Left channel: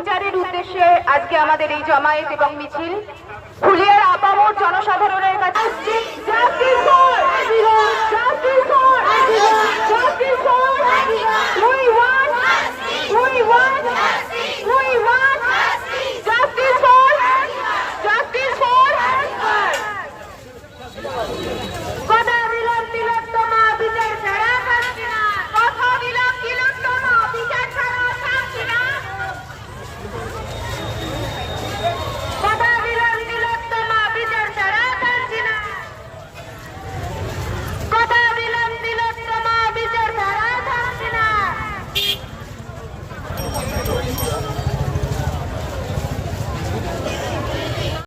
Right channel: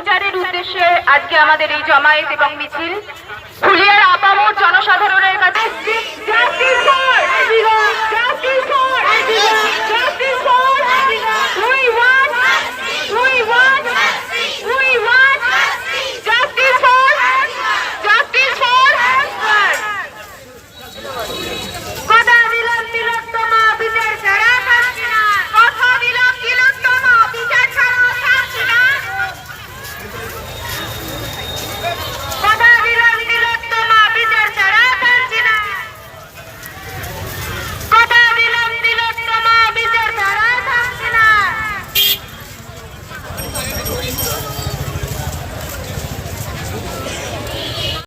বিচারের উদ্দেশ্যে আজকে আমাদের এই জমায়েত এবং মিছিল ফুলিয়ার আপামোর জনসাধারণের কাছে